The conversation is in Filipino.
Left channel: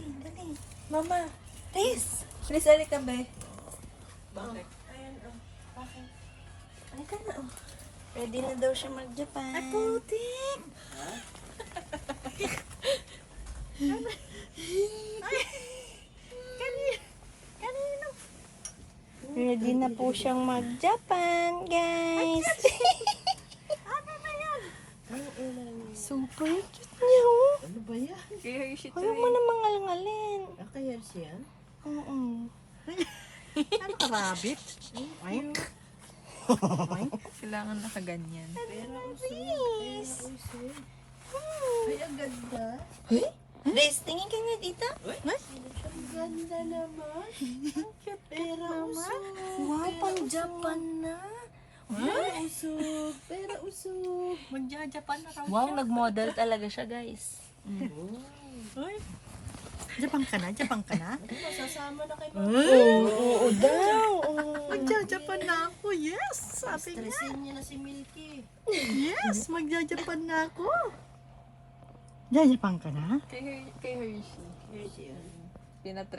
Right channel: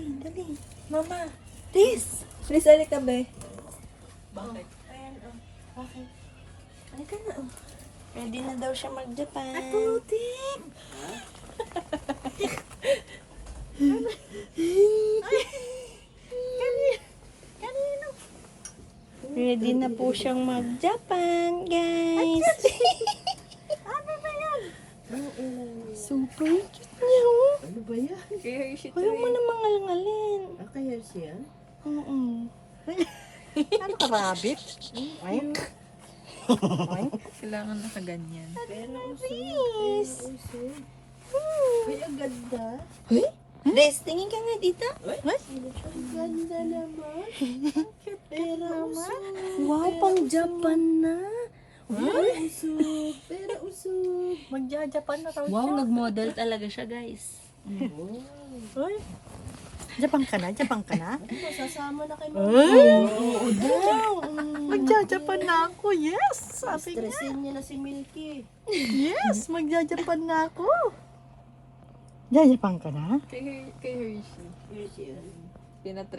Rizy, dali. Mama. Riz. Riz, alika be. Bakit? Ayan, okay. Alika na, Ready na daw siya mag-Japan. Ay, putik! Kanino? Ready na po siyang mag-Japan, guys. Ano ba yan? Super cute niya, Ano ba yan? Kaya Hershey Wala mo namang ngalngalin. Kaya siya? Ano ka, rabbit? Oink. Oink. Kailangan nakaganyan. Pero usog. Ay, ang ganda. Riz, tingin ka nga dito. Ang ganda naman. Pero usog. Wow, pang Japan na. Pero usog. Magja-Japan na raw Wow, nag-model talaga siya, guys. Uy. Japan ka na? Japan ka na? Ano ba, sasama na kayo Oo daw. Magja-Japan na ako. Yes! Sabi niya. Stressin niya na si Milky. Yes! Magja-Japan na ako. Jajapan ka na? Kay Hershey. Here siya. Tinatry